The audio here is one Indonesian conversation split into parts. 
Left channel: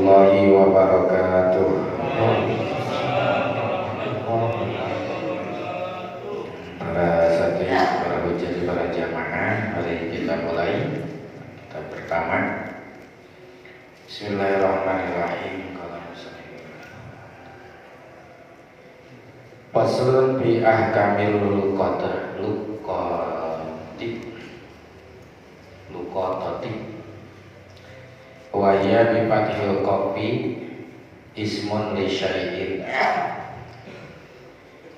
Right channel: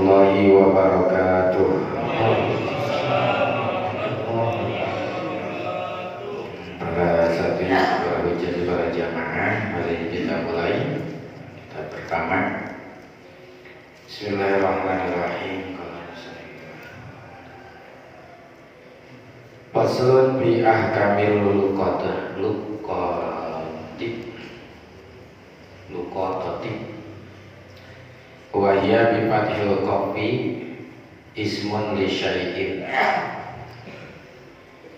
warahmatullahi wabarakatuh. Para santri, para hujjah, para jamaah, mari kita mulai. Kita pertama. Bismillahirrahmanirrahim. Faslun bi ahkamil luqatati wa hiya bi fathil qafi ismun li syai'in.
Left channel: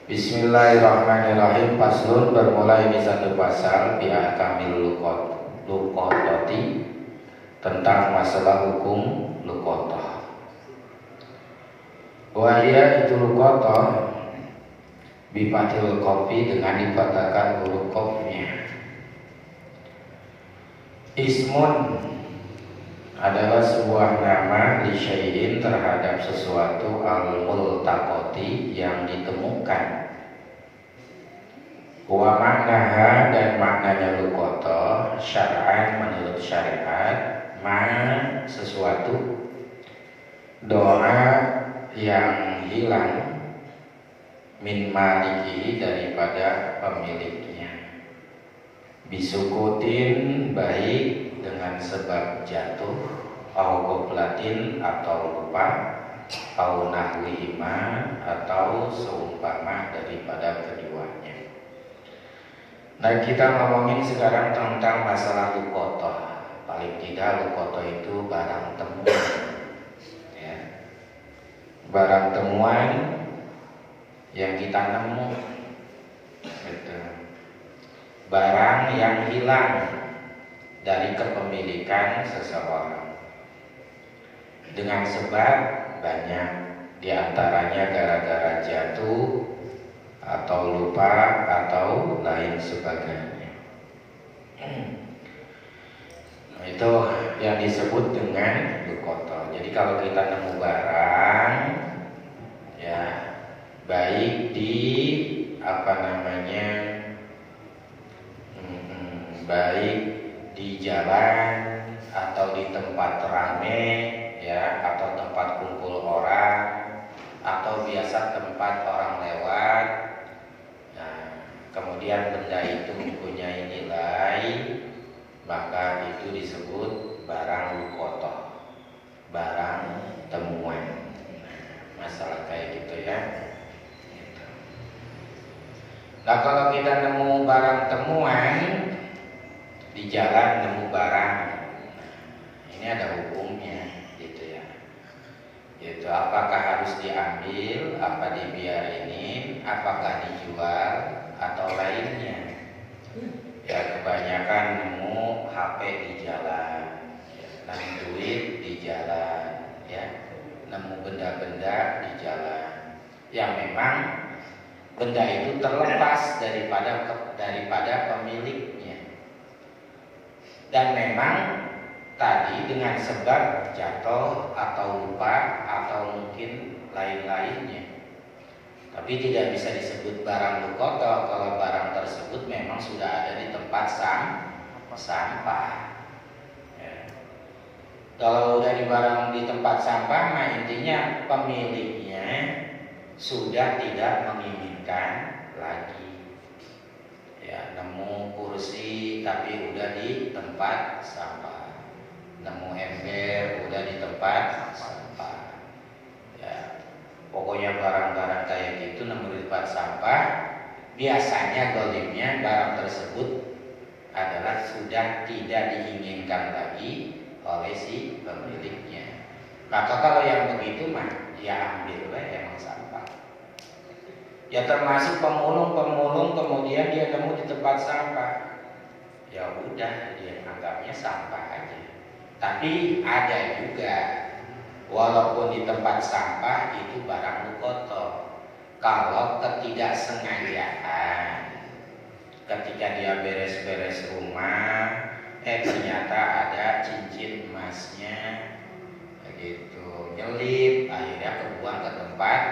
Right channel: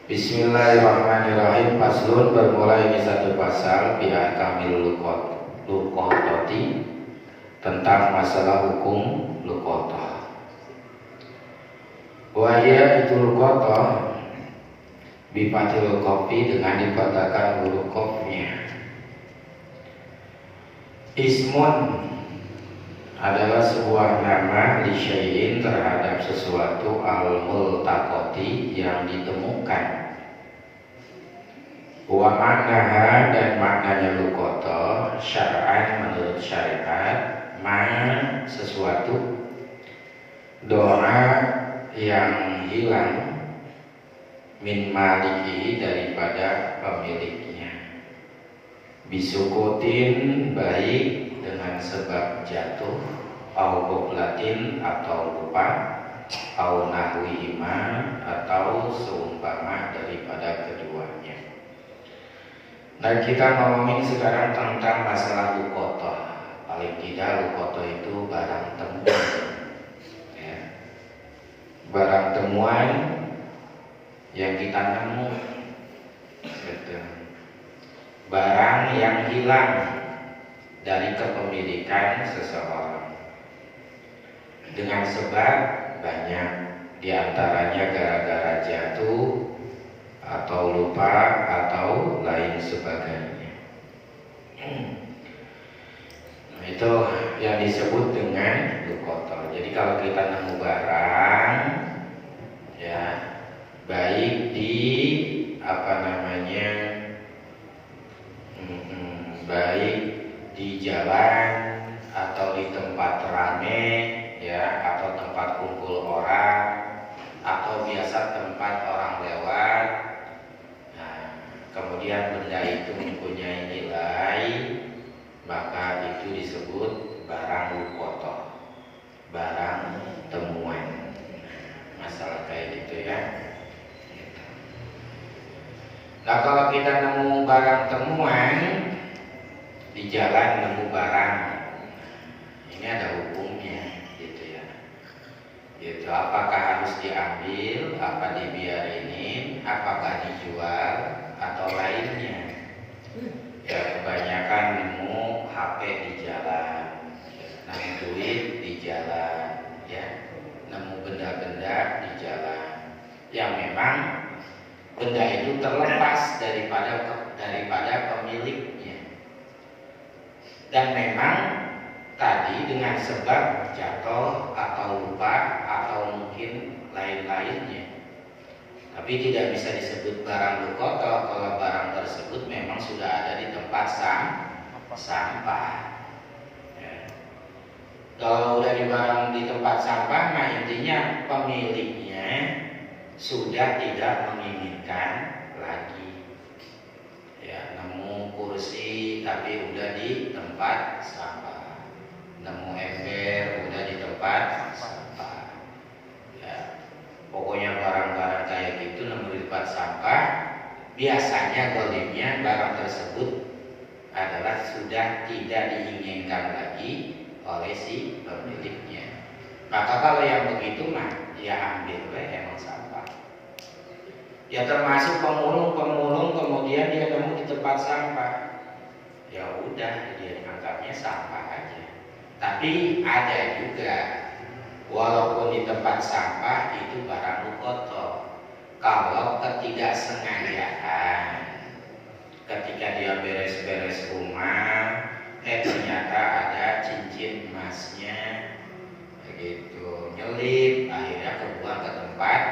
Bismillahirrahmanirrahim. Faslun bermulai di satu pasal bi ahkamil luqatati tentang masalah hukum luqatah. Wa hiya itu luqatah bifathil qafi dengan dipatahkan huruf qafnya. Ismun adalah sebuah nama li syai'in terhadap sesuatu al-multaqati yang ditemukan. Wa maknaha dan maknanya luqatah syar'an menurut syariat sesuatu doa yang hilang min maliki daripada pemiliknya, bisukutin baik dengan sebab jatuh, au qoblatin atau lupa, au nahwihima atau seumpama daripada keduanya. Nah, kita ngomongin sekarang tentang masalah luqatah. Paling tidak luqatah itu barang temuan, ya. Barang temuan yang kita nemu, gitu. Barang yang hilang dari kepemilikan seseorang dengan sebab banyak, diantaranya gara-gara jatuh atau lupa atau lain sebagainya. Nah, itu yang disebut dengan luqatah. Jadi kalau kita nemu barang, ya, baik di baik di jalan atau di tempat rame, ya, atau tempat kumpul orang, atau biasa tempat orang lewat. Nah, kemudian benda itu mempunyai nilai, maka itu disebut barang luqatah, barang temuan. Masalah kayak gitu, ya. Nah, kalau kita nemu barang temuan di jalan, nemu barang, ini ada hukumnya, gitu ya. Yaitu apakah harus diambil, apa dibiarinin, apakah dijual atau lainnya. Ya, kebanyakan nemu HP di jalan, nemu duit di jalan, ya, nemu benda-benda di jalan yang memang benda itu terlepas daripada pemiliknya. Dan memang tadi dengan sebab jatuh atau lupa atau mungkin lain-lainnya. Tapi tidak bisa disebut barang luqatah kalau barang tersebut memang sudah ada di tempat sampah. Ya. Kalau udah di barang di tempat sampah, nah intinya pemiliknya sudah tidak menginginkan lagi. Ya, nemu kursi tapi udah di tempat sampah, nemu ember udah di tempat sampah, ya, pokoknya barang-barang kayak gitu nemu di tempat sampah, biasanya dolimnya barang tersebut adalah sudah tidak diinginkan lagi oleh si pemiliknya. Maka kalau yang begitu mah ya ambillah yang sampah. Ya, termasuk pemulung kemudian dia nemu di tempat sampah, ya udah dia anggapnya sampah aja. Tapi ada juga walaupun di tempat sampah itu barang luqatah kalau ketidaksengajaan ketika dia beres-beres rumah, ternyata ada cincin emasnya begitu nyelip, akhirnya kebuang ke tempat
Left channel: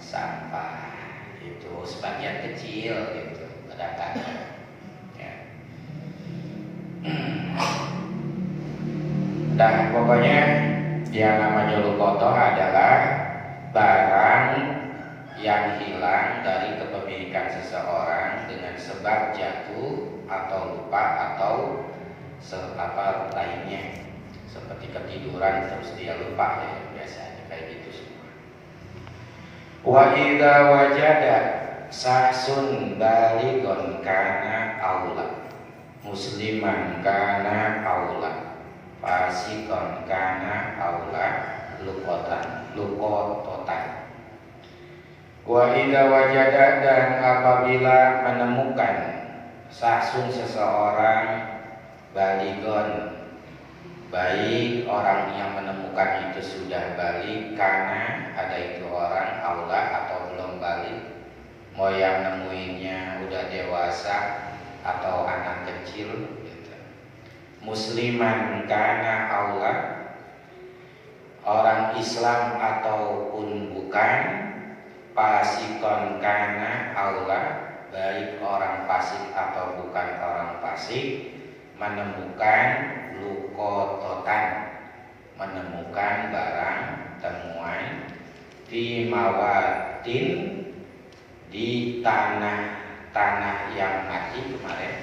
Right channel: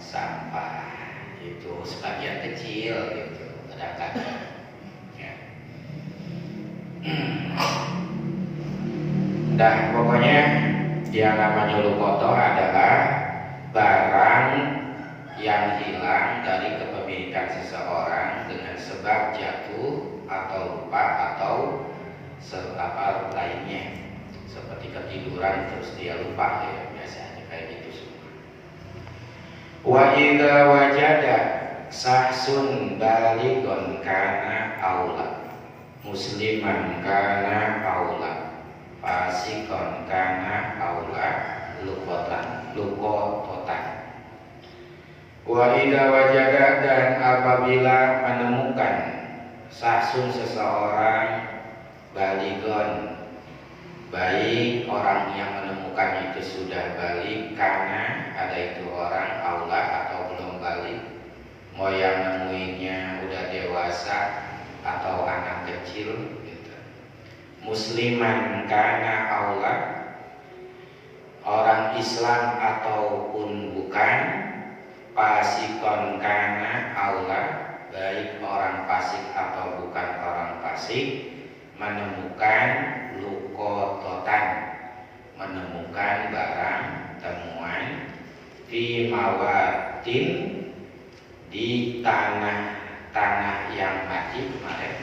sampah. Itu sebagian kecil gitu, kadang-kadang, ya. Dan pokoknya Yang namanya luqata adalah barang yang hilang dari kepemilikan seseorang dengan sebab jatuh atau lupa atau apa lainnya, seperti ketiduran terus dia lupa, ya biasanya kayak gitu semua. Wa idza wajada sahsun balighun kana aula, musliman kana aula, fasikon kana aula, luqatan. Wa idza wajada, dan apabila menemukan sahsun seseorang, balighun baik orang yang menemukan itu sudah balik, karena ada itu orang aula atau belum balik, mau yang nemuinnya udah dewasa atau anak kecil gitu. Musliman kana aula, orang Islam ataupun bukan, fasikon kana aula, baik orang fasik atau bukan orang fasik, menemukan luqatan, menemukan barang temuan, fi mawatin, di tanah yang mati kemarin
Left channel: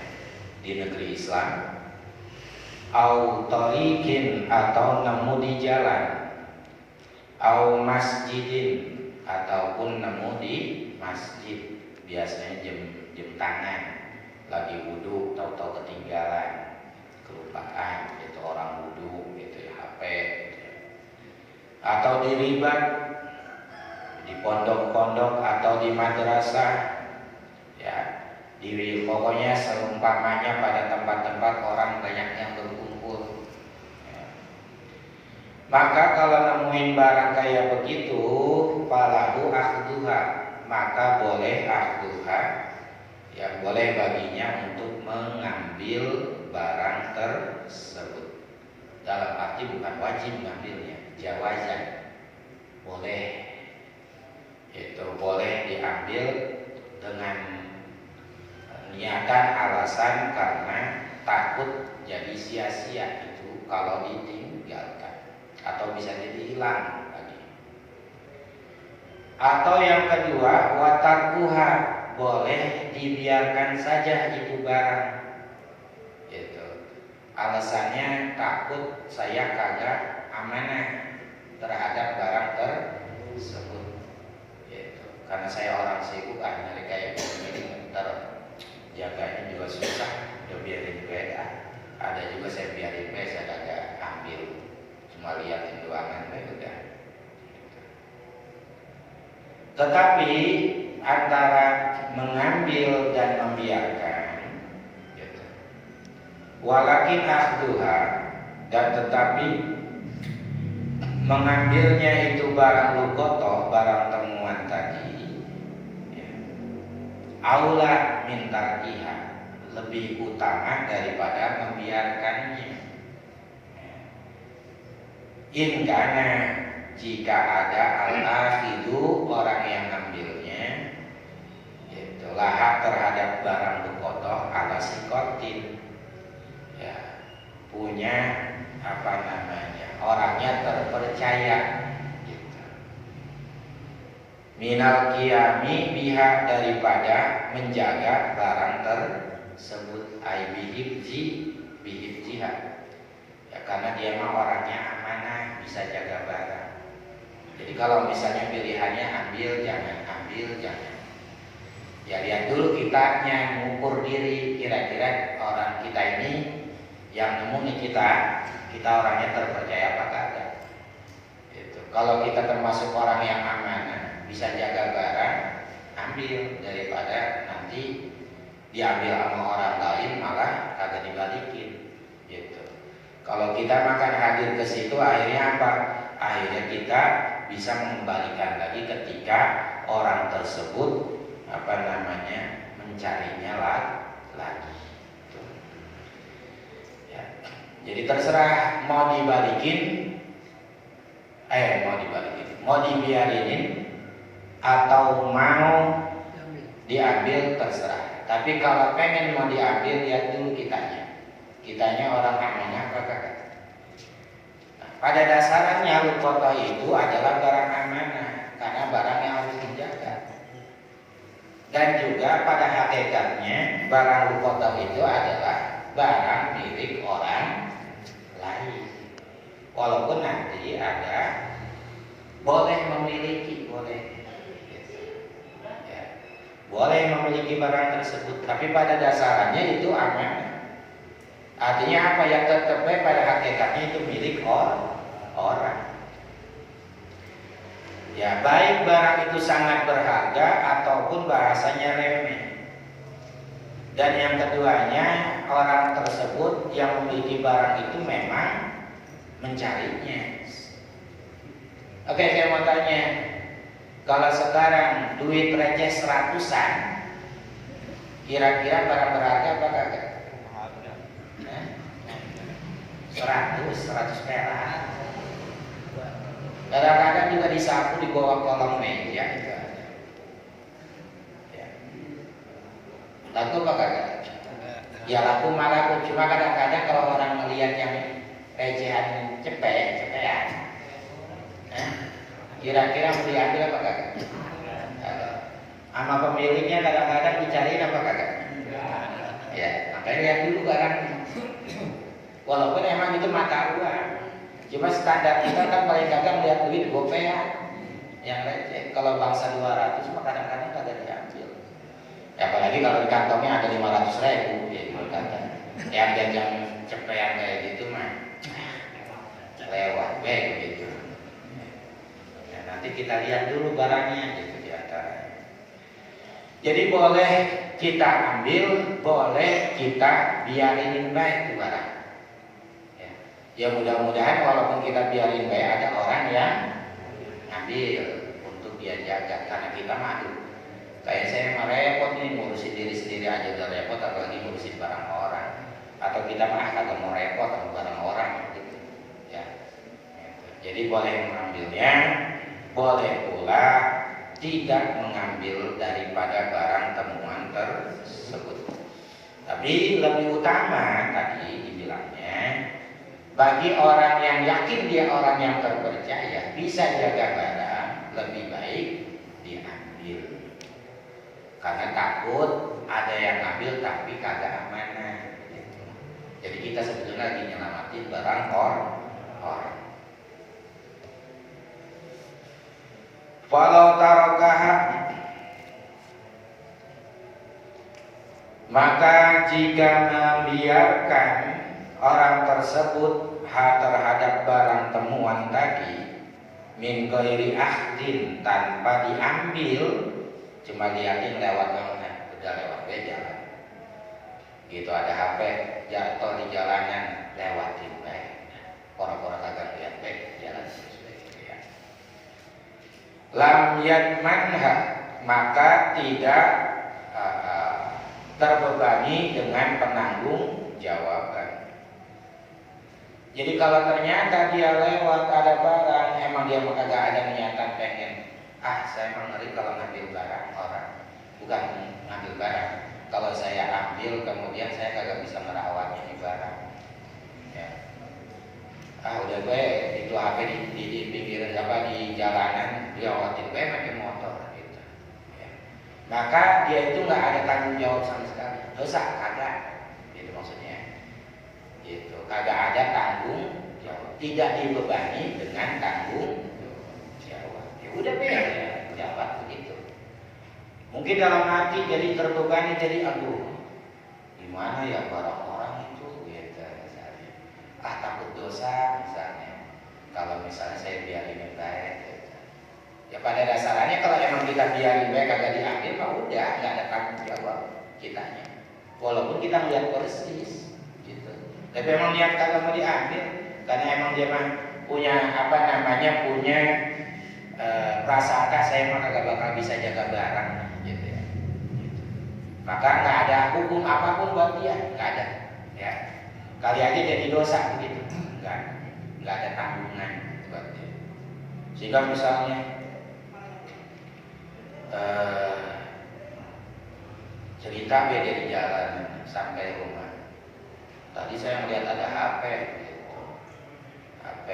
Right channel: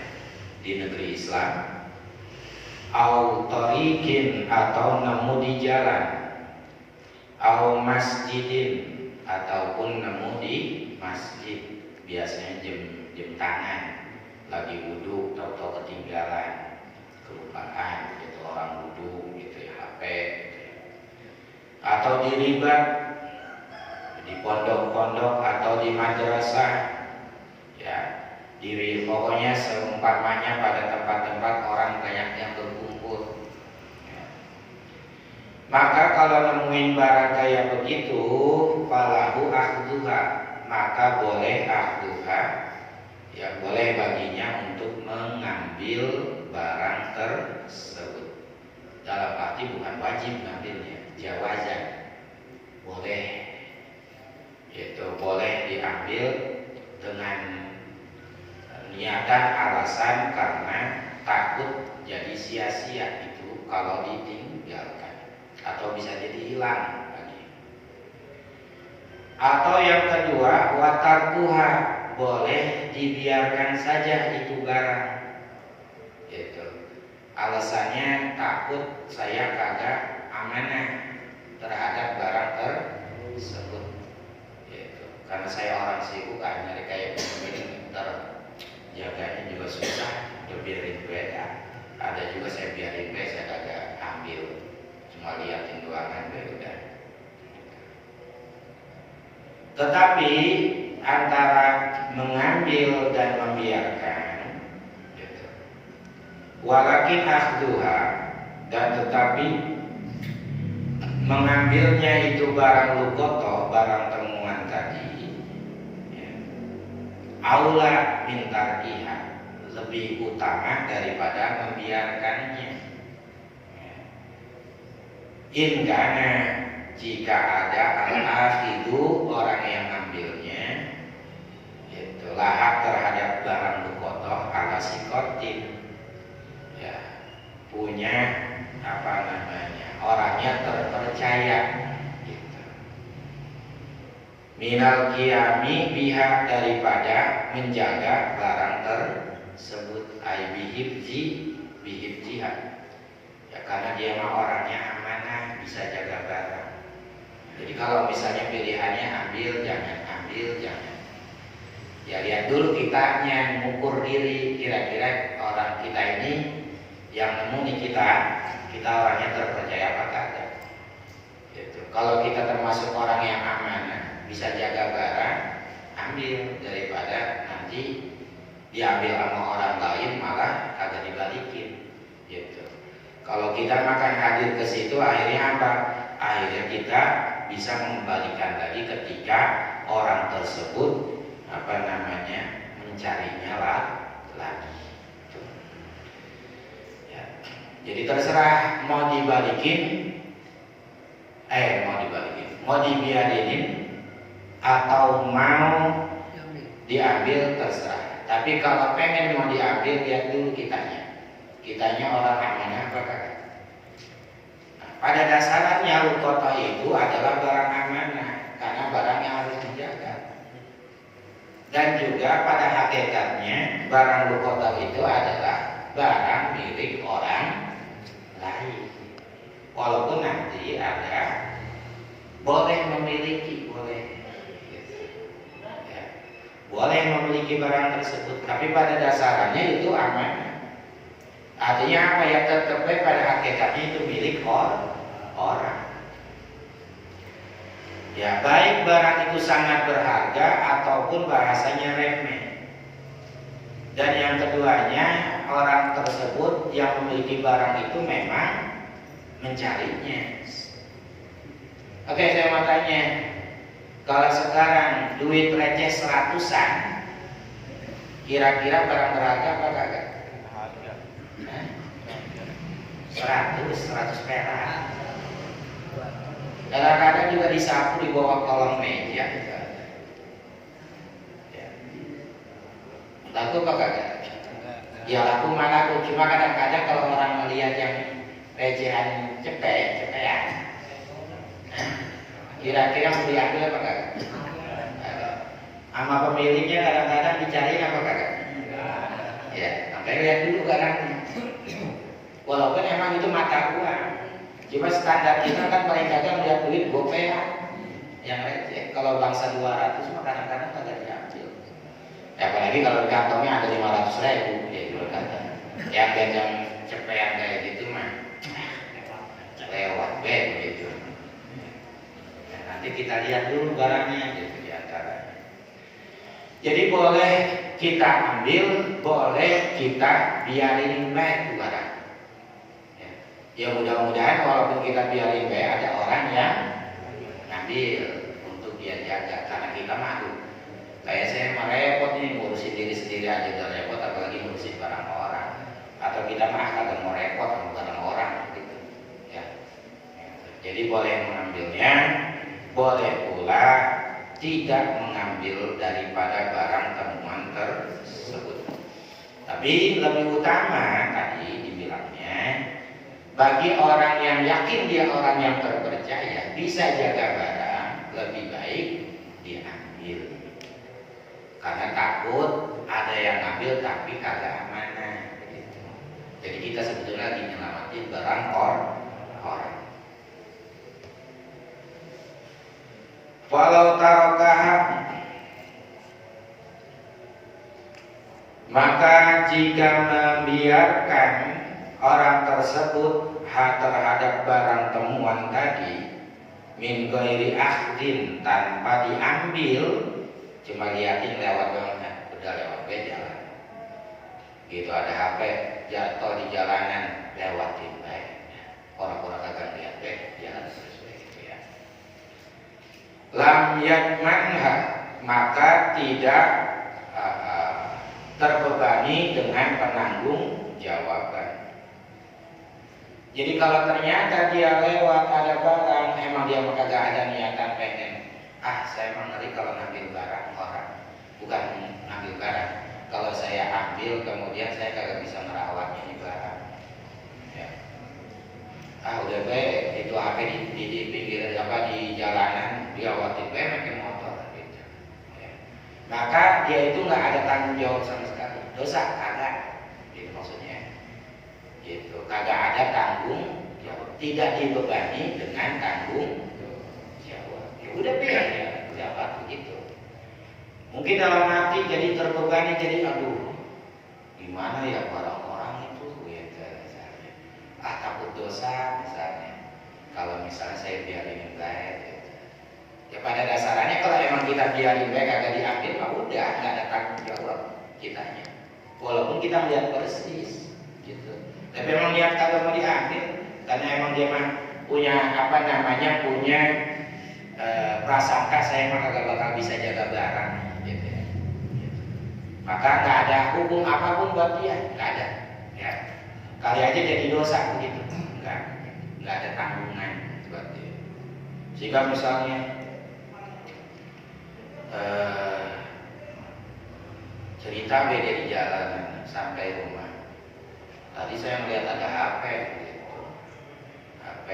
di negeri Islam, au tariqin, atau nemu di jalan, au masjidin, ataupun nemu di masjid, biasanya jam tangan lagi wudhu atau ketinggalan, kelupaan gitu, orang wudhu gitu ya, HP gitu ya. Atau dilibat di pondok-pondok atau di madrasah ya, di pokoknya seumpamanya pada tempat-tempat orang banyaknya berkumpul ya. Maka kalau nemuin barang kayak begitu, falahu akhduha, maka boleh akhduha, ya boleh baginya untuk mengambil barang tersebut. Dalam arti bukan wajib mengambilnya, jawazan, boleh. Itu boleh diambil dengan niatan alasan karena takut jadi sia-sia itu kalau ditinggalkan, atau bisa jadi hilang lagi. Atau yang kedua, watarkuha, boleh dibiarkan saja itu barang. Gitu. Alasannya takut saya kagak amanah terhadap barang tersebut. Gitu. Karena saya orang sibuk, nyari kayak begini, terjaganya juga susah, udah biarin beda. Ada juga saya biarin beda, saya kagak ambil, cuma liatin doangan beda. Tetapi antara mengambil dan membiarkan gitu. Walakin akhduha, dan tetapi mengambilnya itu barang luqata, barang temuan tadi ya, aula min tarkiha, lebih utama daripada membiarkannya ya. In kana, jika ada al-akhidu, orang yang ngambilnya itu lahak terhadap barang luqata ala sikotin ya, punya apa namanya, orangnya terpercaya gitu. Minal qiyami biha, daripada menjaga barang tersebut, ai bihibjiha ya, karena dia mah orangnya amanah, bisa jaga barang. Jadi kalau misalnya pilihannya ambil jangan, ya lihat dulu kitanya, mengukur diri, kira-kira orang kita ini yang nemu nih kita orangnya terpercaya apa kagak. Gitu. Kalau kita termasuk orang yang amanah, bisa jaga barang, ambil, daripada nanti diambil sama orang lain malah kagak dibalikin. Gitu. Kalau kita makan hadir ke situ, akhirnya apa? Akhirnya kita bisa mengembalikan lagi ketika orang tersebut apa namanya mencarinya lagi. Ya. Jadi terserah mau dibiarinin atau mau diambil, terserah. Tapi kalau pengen mau diambil, lihat dulu kitanya orang amanah apa kagak. Nah, pada dasarnya luqatah itu adalah barang amanah karena barang yang harus dijaga. Dan juga pada hakikatnya barang luqatah itu adalah barang milik orang lain. Walaupun nanti ada boleh memiliki, boleh ya, boleh memiliki barang tersebut, tapi pada dasarnya itu amanah. Artinya apa yang tertepek pada hakikatnya itu milik orang. Ya, baik barang itu sangat berharga ataupun bahasanya remeh. Dan yang keduanya, orang tersebut yang memiliki barang itu memang mencarinya. Oke, saya mau tanya, kalau sekarang duit receh 100-an, kira-kira barang berharga apa kagak? 100 perak. Kadang-kadang juga disapu di bawah kolong meja. Ya. Laku apa kagak? Ya laku malah aku, cuma kadang-kadang kalau orang melihat yang recehan cepean, kira-kira mau diambil apa kagak? Sama pemiliknya kadang-kadang dicariin apa kagak? Ya, sampai lihat dulu barangnya. Walaupun emang itu mata uang, cuma standar kita kan paling kagak melihat duit gopean yang receh. Kalau bangsa 200 mah kadang-kadang kagak diambil. Ya apalagi kalau di kantongnya ada 500.000, ya gitu kan. Yang cepean kayak gitu mah lewat gitu. Ya, nanti kita lihat dulu barangnya gitu di antara. Jadi boleh kita ambil, boleh kita biarin baik barang. Ya mudah-mudahan walaupun kita biarin baik ada orang yang ambil untuk dia jaga, karena kita malu. Kayak saya merepot nih ngurusin diri sendiri aja udah repot, apalagi ngurusin barang orang. Atau kita mah kagak mau repot sama barang orang gitu. Ya. Jadi boleh mengambilnya, boleh pula tidak mengambil daripada barang temuan tersebut. Tapi lebih utama tadi dibilangnya, bagi orang yang yakin dia orang yang terpercaya bisa jaga barang, lebih baik diambil. Karena takut ada yang ambil tapi kagak amanah gitu. Jadi kita sebetulnya lagi nyelamatin barang orang. Walau tarokah, maka jika membiarkan orang tersebut terhadap barang temuan tadi min ghairi ahdin, tanpa diambil, cuma liatin lewat banget, udah lewat jalan gitu, ada HP jatuh di jalanan, lewatin baik, orang-orang kagak lihat jalan sesuai ya. Lam yadmanha, maka tidak terbebani dengan penanggung jawaban. Jadi kalau ternyata dia lewat ada barang, emang dia kagak ada niatan pengen, saya emang ngeri kalau ngambil barang orang, bukan ngambil barang. Kalau saya ambil kemudian saya kagak bisa merawat ini barang. Ya. Udah baik itu HP di pinggir di jalanan, dia lewatin baik pakai motor gitu. Ya. Maka dia itu nggak ada tanggung jawab sama sekali, dosa kagak, gitu maksudnya. Gitu, kagak ada tanggung jawab, tidak dibebani dengan tanggung jawab. Ya udah biar jawab begitu. Mungkin dalam hati jadi terbebani, jadi aduh, gimana ya orang-orang itu gitu misalnya. Takut dosa misalnya. Kalau misalnya saya biarin baik gitu. Ya pada dasarnya kalau emang kita biarin baik kagak diambil, udah nggak ada tanggung jawab kitanya. Walaupun kita melihat persis gitu. Tapi emang niat kagak mau diambil, karena emang dia mah punya punya prasangka saya mah kagak bakal bisa jaga barang gitu ya. Gitu. Maka nggak ada hukum apapun buat dia, nggak ada. Ya. Kali aja jadi dosa begitu, nggak ada tanggungan buat dia. Jika misalnya cerita beda di jalan sampai rumah. Tadi saya melihat ada HP gitu. HP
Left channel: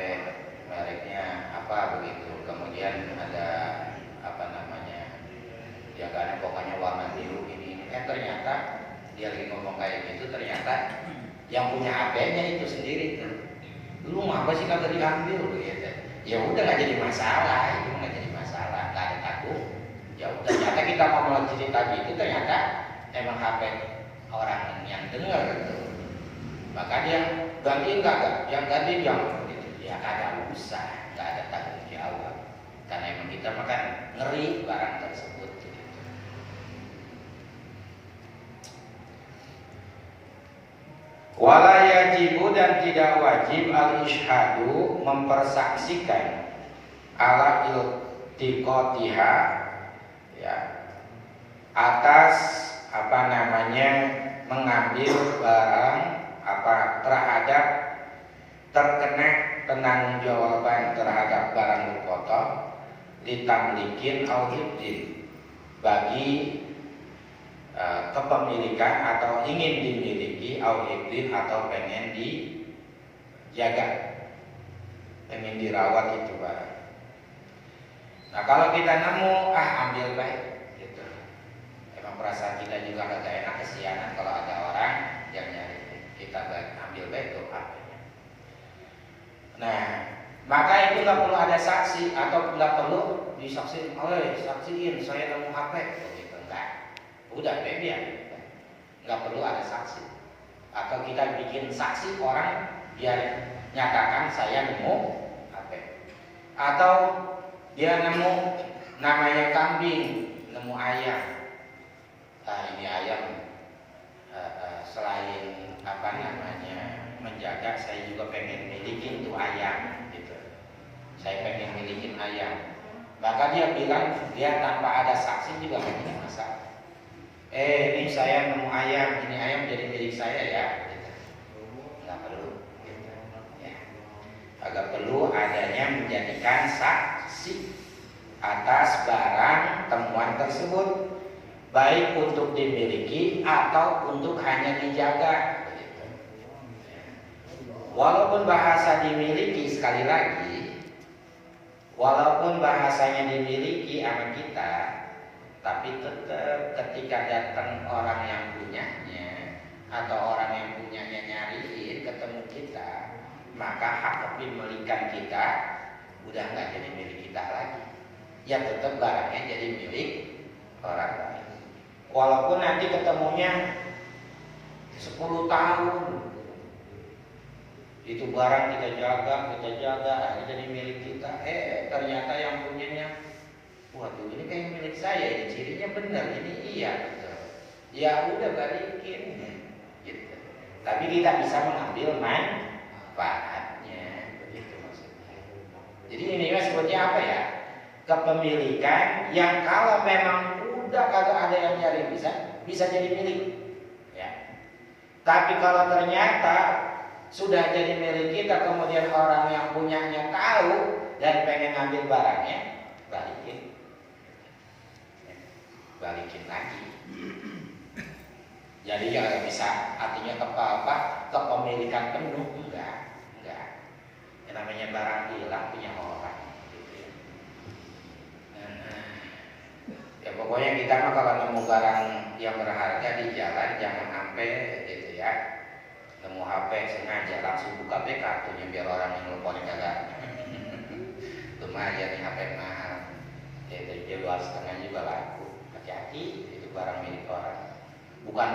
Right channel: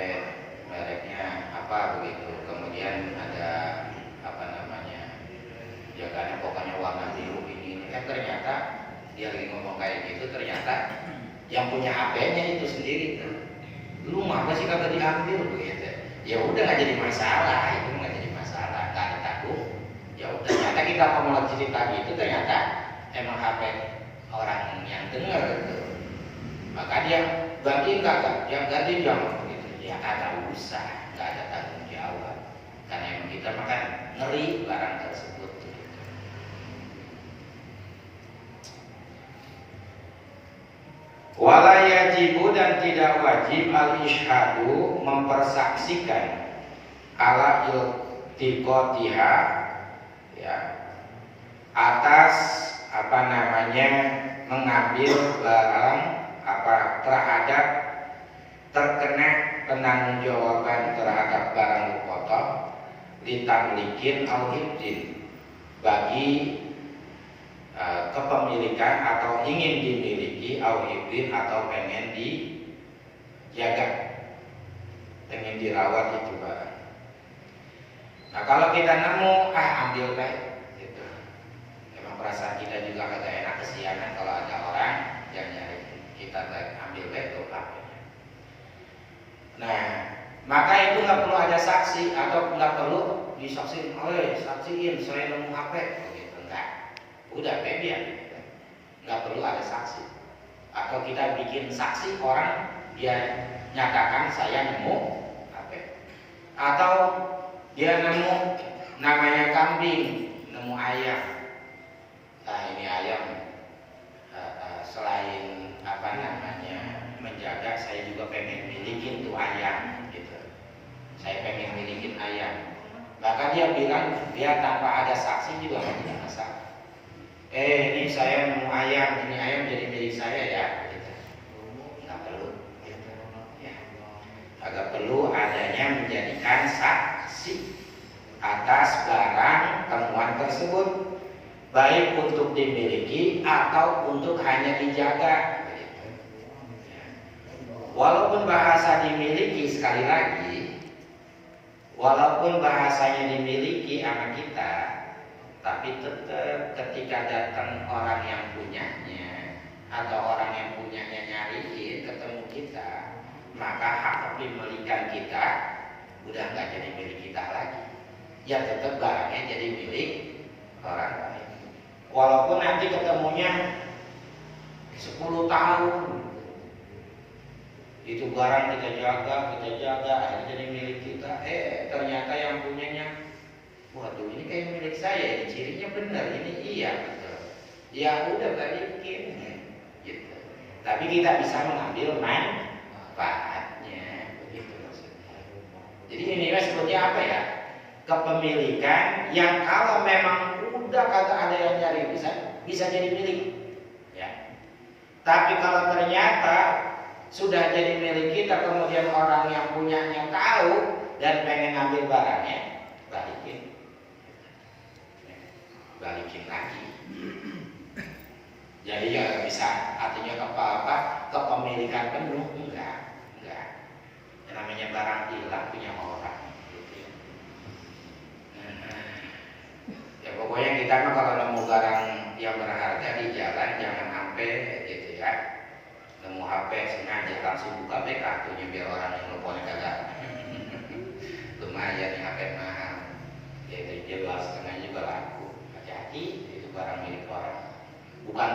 ya udah nggak jadi masalah, itu nggak jadi masalah, nggak ada takut. Ya udah, ternyata kita ngomong cerita gitu ternyata emang HP orang yang dengar gitu. Maka dia ganti enggak, yang ganti yang gitu. Ya karena usah, nggak ada tanggung jawab. Karena emang kita makan ngeri barang tersebut. Gitu. Wala yajibu, dan tidak wajib al-isyhadu, mempersaksikan ala iltiqatiha, ya, atas mengambil barang terhadap terkena penanggung-jawaban terhadap barang luqata litamlikin al-hibdin, bagi kepemilikan atau ingin dimiliki, al-hibdin atau pengen dijaga, pengen dirawat itu barang. Nah kalau kita nemu, ambil baik gitu. Emang perasaan kita juga agak enak, kesianan kalau ada orang yang nyari kita baik, ambil baik tuh haknya. Nah maka itu nggak perlu ada saksi atau nggak perlu disaksiin, saksiin saya nemu HP begitu, enggak. Udah biar nggak perlu ada saksi. Atau kita bikin saksi orang dia nyatakan saya nemu HP, atau dia nemu namanya kambing, nemu ayam. Nah ini ayam, selain menjaga, saya juga pengen milikin tuh ayam gitu. Saya pengen milikin ayam. Maka dia bilang, dia tanpa ada saksi juga tidak masalah. Ini saya nemu ayam, ini ayam jadi milik saya ya. Gitu. Nggak perlu. Gitu. Ya. Agak perlu adanya menjadikan saksi atas barang temuan tersebut, baik untuk dimiliki atau untuk hanya dijaga. Gitu. Ya. Walaupun bahasa dimiliki, sekali lagi, walaupun bahasanya dimiliki sama kita, tapi tetap ketika datang orang yang punyanya atau orang yang punyanya nyariin ketemu kita, maka hak kepemilikan kita udah nggak jadi milik kita lagi. Ya tetap barangnya jadi milik orang lain. Walaupun nanti ketemunya 10 tahun, itu barang kita jaga, akhirnya jadi milik kita. Ternyata yang punyanya, waduh ini kayak milik saya, ini cirinya benar, ini iya gitu. Ya udah balikin gitu. Tapi kita bisa mengambil manfaatnya, begitu maksudnya. Jadi ini sebutnya apa ya? Kepemilikan yang kalau memang udah kagak ada yang nyari bisa jadi milik. Ya. Tapi kalau ternyata sudah jadi milik kita, kemudian orang yang punyanya tahu dan pengen ngambil barangnya, balikin lagi. Jadi ya bisa, artinya kepemilikan penuh enggak. Yang namanya barang hilang punya orang. Gitu ya. Ya pokoknya kita mah kalau nemu barang yang berharga di jalan jangan sampai gitu ya. Nemu HP sengaja langsung buka kartunya biar orang yang nelfon kagak. Lumayan nih HP mahal. Ya dari 2,5 juga laku. Hati-hati, itu barang milik orang. Bukan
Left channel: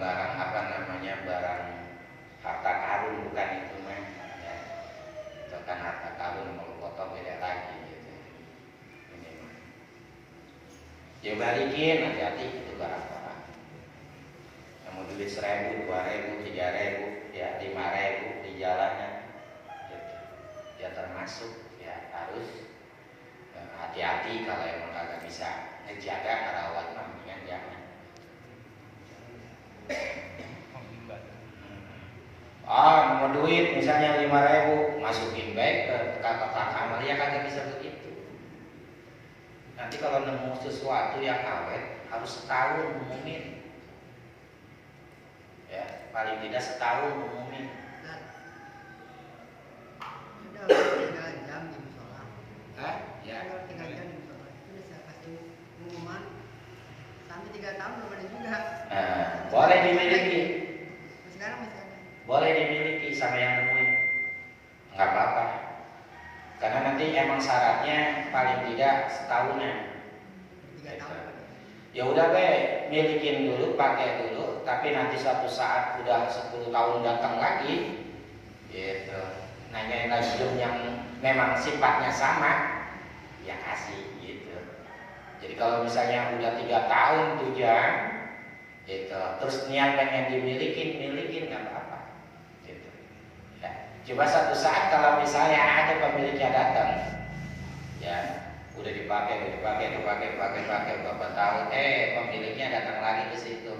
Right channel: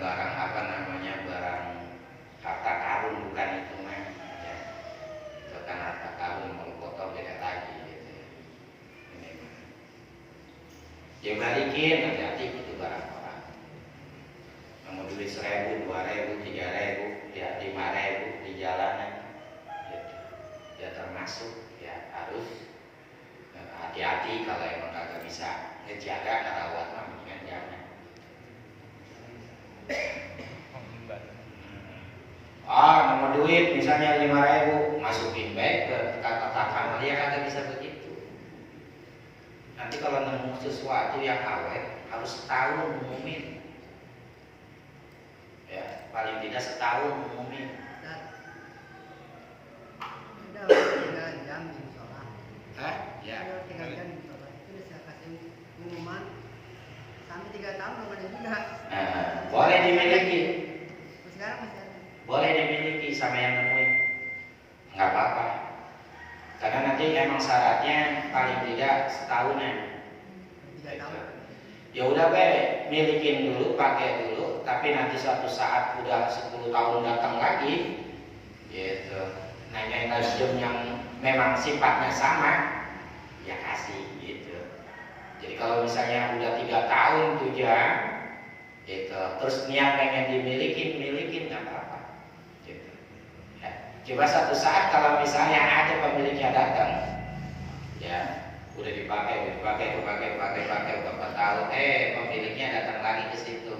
barang barang harta karun, bukan itu mah. Ya. Bukan harta karun, mau foto beda lagi gitu. Ini mah. Ya balikin, hati-hati itu barang orang. Mau duit 1.000, 2.000, 3.000, ya 5.000 di jalanan, gitu. Ya termasuk ya harus hati-hati kalau emang kagak bisa ngejaga rawat mah mendingan jangan. Nemu duit misalnya 5.000, masukin baik ke kamar, ya kagak bisa begitu. Nanti kalau nemu sesuatu yang awet harus setahun ngumumin. Ya, paling tidak setahun ngumumin. Ya. Sampai 3 tahun belum ada juga. Boleh dimiliki. Sekarang masih ada. Boleh dimiliki sama yang nemuin. Enggak apa-apa. nanti emang syaratnya paling tidak setahunan. Ya udah milikin dulu, pakai dulu, tapi nanti suatu saat udah 10 tahun datang lagi, gitu. Nanyain nazium yang memang sifatnya sama, ya kasih, gitu. Jadi kalau misalnya udah 3 tahun tujuan, gitu, terus niat pengen milikin nggak apa-apa, gitu. Ya. Coba satu saat kalau misalnya ada pemiliknya datang, ya udah dipakai beberapa tahun, pemiliknya datang lagi ke situ,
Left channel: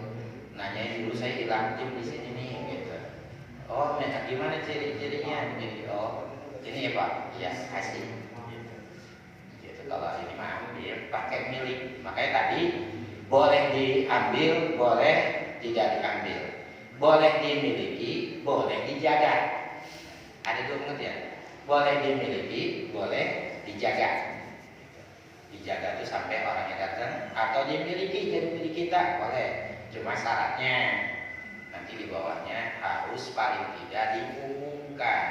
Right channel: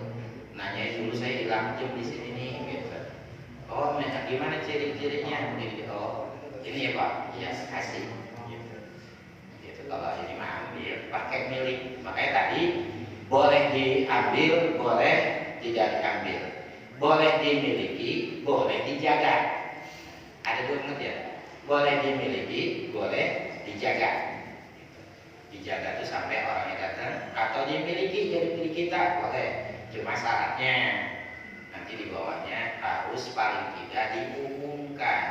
nanyain dulu saya hilang jam di sini nih, gitu. Oh, gimana ciri-cirinya? Oh, ini ya Pak, ya kasih. Gitu. Kalau ini mah dia pakai milik, makanya tadi boleh diambil, boleh tidak diambil, boleh dimiliki, boleh dijaga. Ada dua menurut ya, boleh dimiliki, boleh dijaga. Dijaga itu sampai orangnya datang, atau dimiliki jadi milik kita, boleh. Cuma syaratnya nanti di bawahnya harus paling tidak diumumkan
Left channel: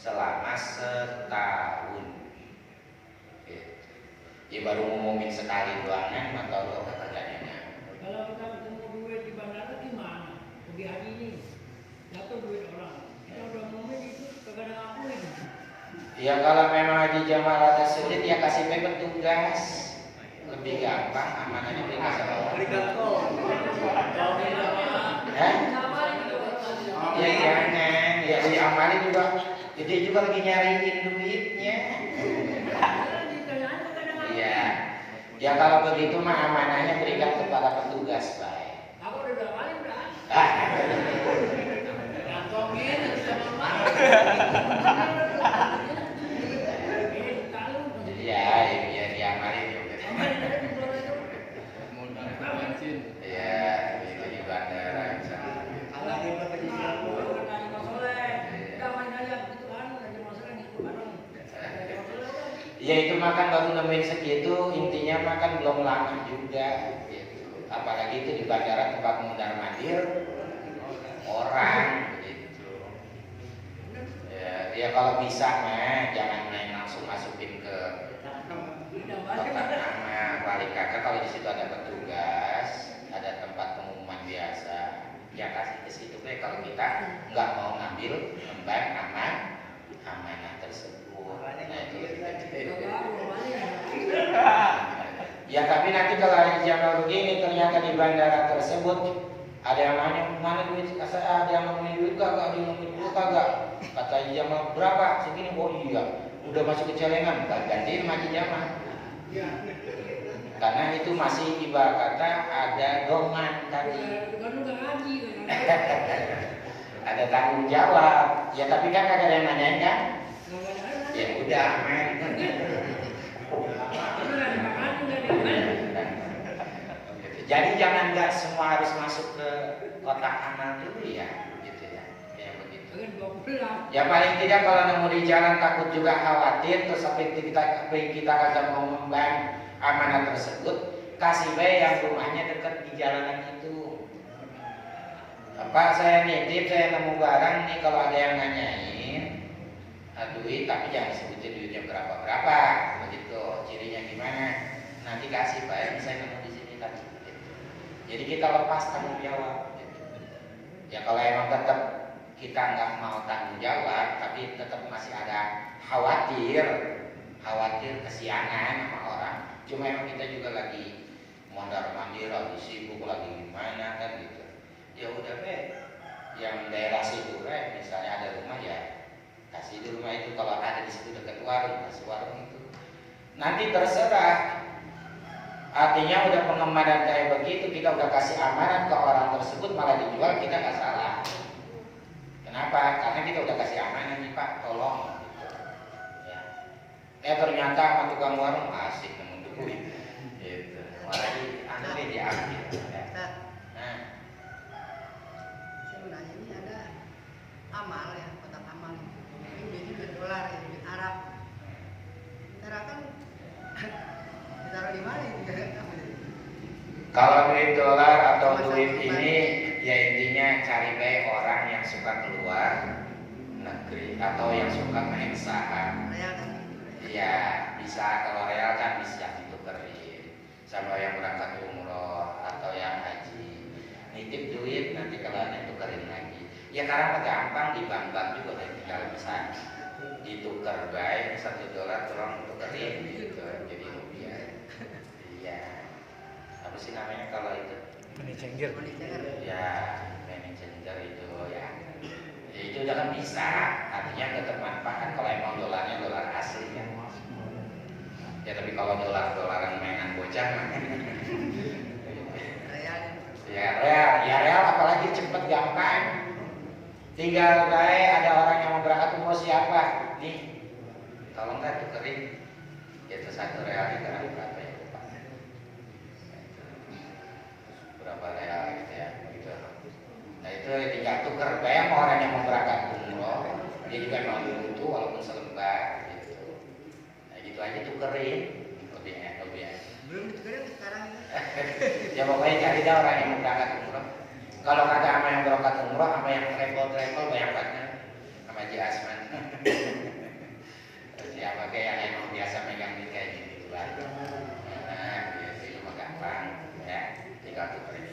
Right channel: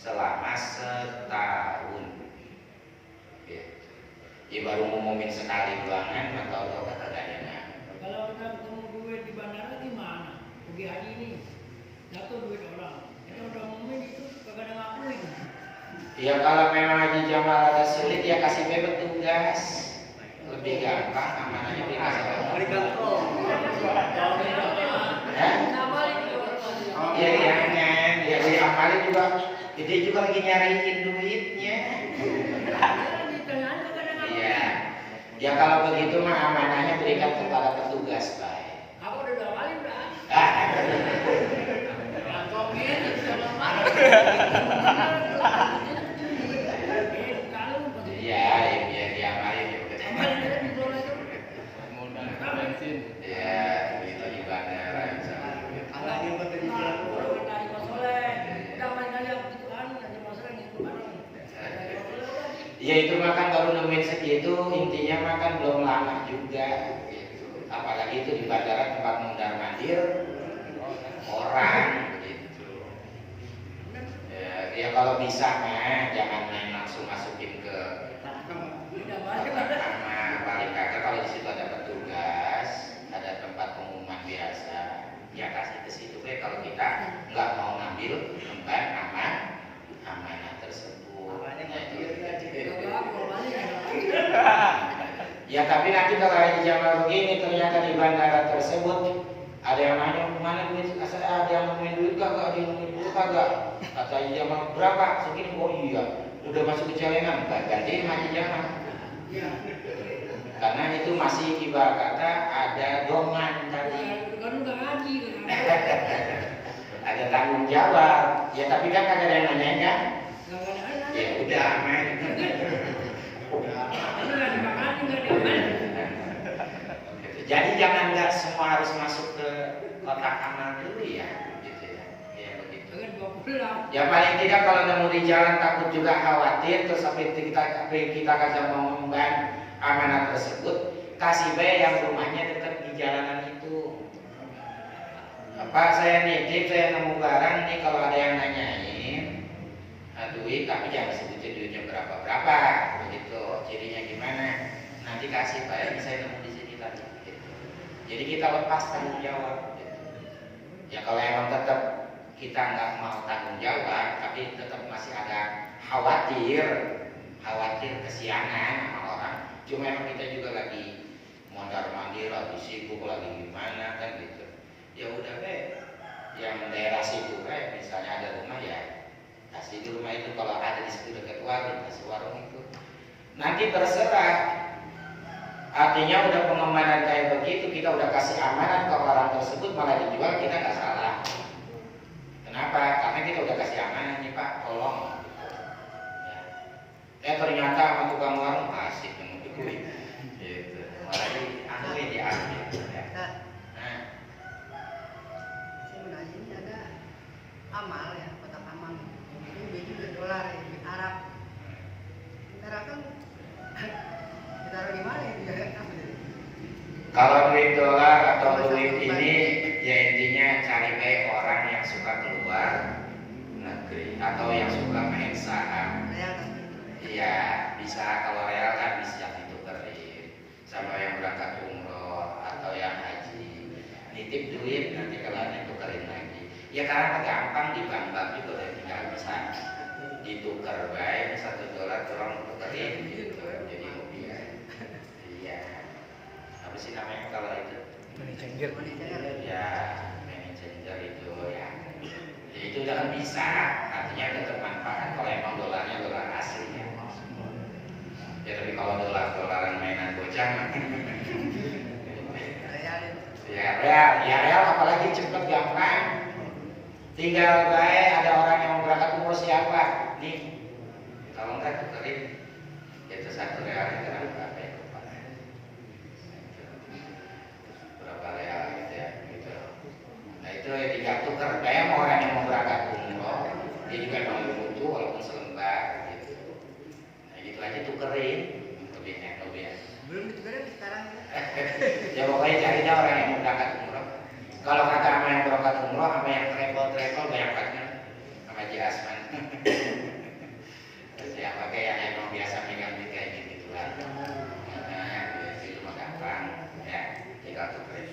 selama setahun. Gitu. Ya baru ngumumin sekali doangan atau dua katanya. Kalau kita ketemu duit di bandara gimana? Pergi hari ini dapat duit orang. Kita udah ngumumin itu kagak ada ngakuin. Ya kalau memang Haji Jamal ada sulit ya kasih petugas, lebih gampang, amanahnya lebih gampang. Iya jangan, ya si Amali juga, dia juga lagi nyariin duitnya. Iya, ya kalau begitu mah amanahnya berikan kepada petugas baik. Aku udah kali udah. Kantongin sama Iya, ya diamalin juga. Ya, itu di bandara misalnya. Ya itu makan baru nemuin segitu, intinya makan belum lama juga, gitu. Apalagi itu di bandara tempat mundar mandir orang, gitu. Ya kalau bisa mah jangan main langsung masukin ke nama balik kakak. Kalau di situ ada petugas, ada tempat pengumuman biasa, ya kasih ke situ. Kalau kita nggak mau ngambil emban amanah tersebut. Ya tapi nanti kalau Haji Jamal begini ternyata di bandara tersebut ada yang nanya mana duit, ada yang ngomongin duit kagak, ada yang ngomongin duit kagak. Kata Haji Jamal berapa? Segini. Oh iya, udah masuk ke celengan, gantiin Haji Jamal. Karena itu masih ibarat kata ada dongan tadi. Ada tanggung jawab. Ya tapi kan ada yang nanyain kan? Ya udah aman. Jadi jangan nggak semua harus masuk ke kotak amal dulu ya, gitu ya, ya begitu. Ya paling tidak kalau nemu di jalan takut juga khawatir, terus sampai kita kagak mau memban amanah tersebut, kasih bayi yang rumahnya dekat di jalanan itu. Pak saya nitip, saya nemu barang nih, kalau ada yang nanyain duit, tapi jangan sebutin duitnya berapa begitu, cirinya gimana, nanti kasih bayi saya nemu di sini tadi. Jadi kita lepas tanggung jawab. Gitu. Ya kalau emang tetap kita nggak mau tanggung jawab, tapi tetap masih ada khawatir kesiangan sama orang. Cuma emang kita juga lagi mondar mandir, lagi sibuk, lagi gimana kan gitu. Ya udah yang daerah sibuk misalnya ada rumah ya kasih di rumah itu, kalau ada di situ dekat warung, kasih warung itu. Nanti terserah. Artinya udah pengamanan kayak begitu, kita udah kasih amanat ke orang tersebut malah dijual, kita nggak salah. Kenapa? Karena kita udah kasih amanat nih Pak, tolong. Ya. Ternyata sama tukang warung asik nemu duit. Gitu. Malah diambil diambil. Nah. Ini ada amal ya, kotak amal. Ini jadi $1 ya, di Arab. Sekarang kan taruh di mana itu ya? Kalau duit dolar atau duit ini, ya intinya cari kayak orang yang suka keluar negeri atau yang suka main saham. bisa, kalau real kan bisa ditukerin sama yang berangkat umroh atau yang haji. Nitip duit nanti kalian tukerin lagi. Ya karena gampang di bank juga udah tinggal bisa ditukar baik $1 kurang tukerin gitu jadi rupiah. Iya. Apa sih namanya kalau itu? Ini cengger. Ya, money changer itu ya. Ya itu udah kan bisa, artinya ada bermanfaat kalau emang dolarnya dolar asli ya. Ya tapi kalau dolar-dolaran mainan bocah ya real apalagi cepet gampang. Tinggal kayak ada orang yang mau berangkat umroh siapa? Nih, tolong kan tukerin. Itu $1 itu kan berapa ya? Berapa real gitu ya? Gitu. Nah itu ya tinggal tuker. Kayak orang yang mau berangkat umroh, dia juga emang butuh walaupun selembar gitu. Nah gitu aja tukerin. Lebih enak. Belum tukerin sekarang Ya pokoknya carinya orang yang mau berangkat umroh. Kalau kata sama yang berangkat umroh, sama yang travel banyak kan sama Haji Asman. Terus ya pakai yang emang biasa megang duit kayak gitu lah. Nah, itu mah gampang ya, tinggal tukerin.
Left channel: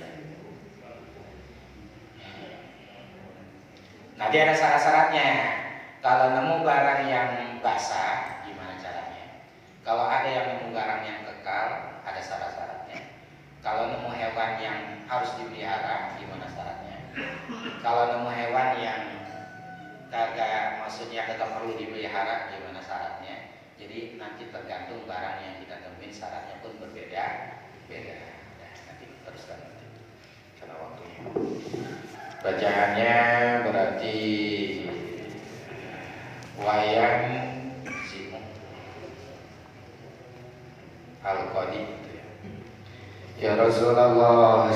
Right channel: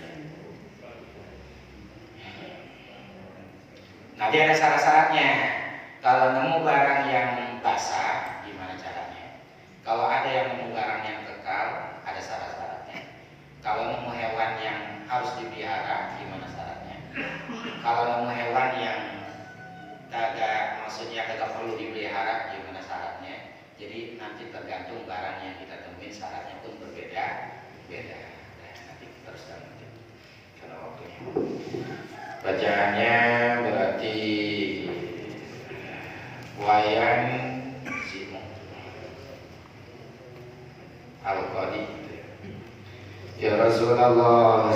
Nanti ada syarat-syaratnya. Kalau nemu barang yang basah, gimana caranya? Kalau ada yang nemu barang yang kekal, ada syarat-syaratnya. Kalau nemu hewan yang harus dipelihara, gimana syaratnya? Kalau nemu hewan yang maksudnya kagak perlu dipelihara, gimana syaratnya? Jadi nanti tergantung barang yang kita temuin syaratnya pun berbeda-beda. Nah, nanti teruskan nanti. Kalau waktunya. Bacaannya berarti Wayan Zimu Al-Qadi. Ya Rasulullah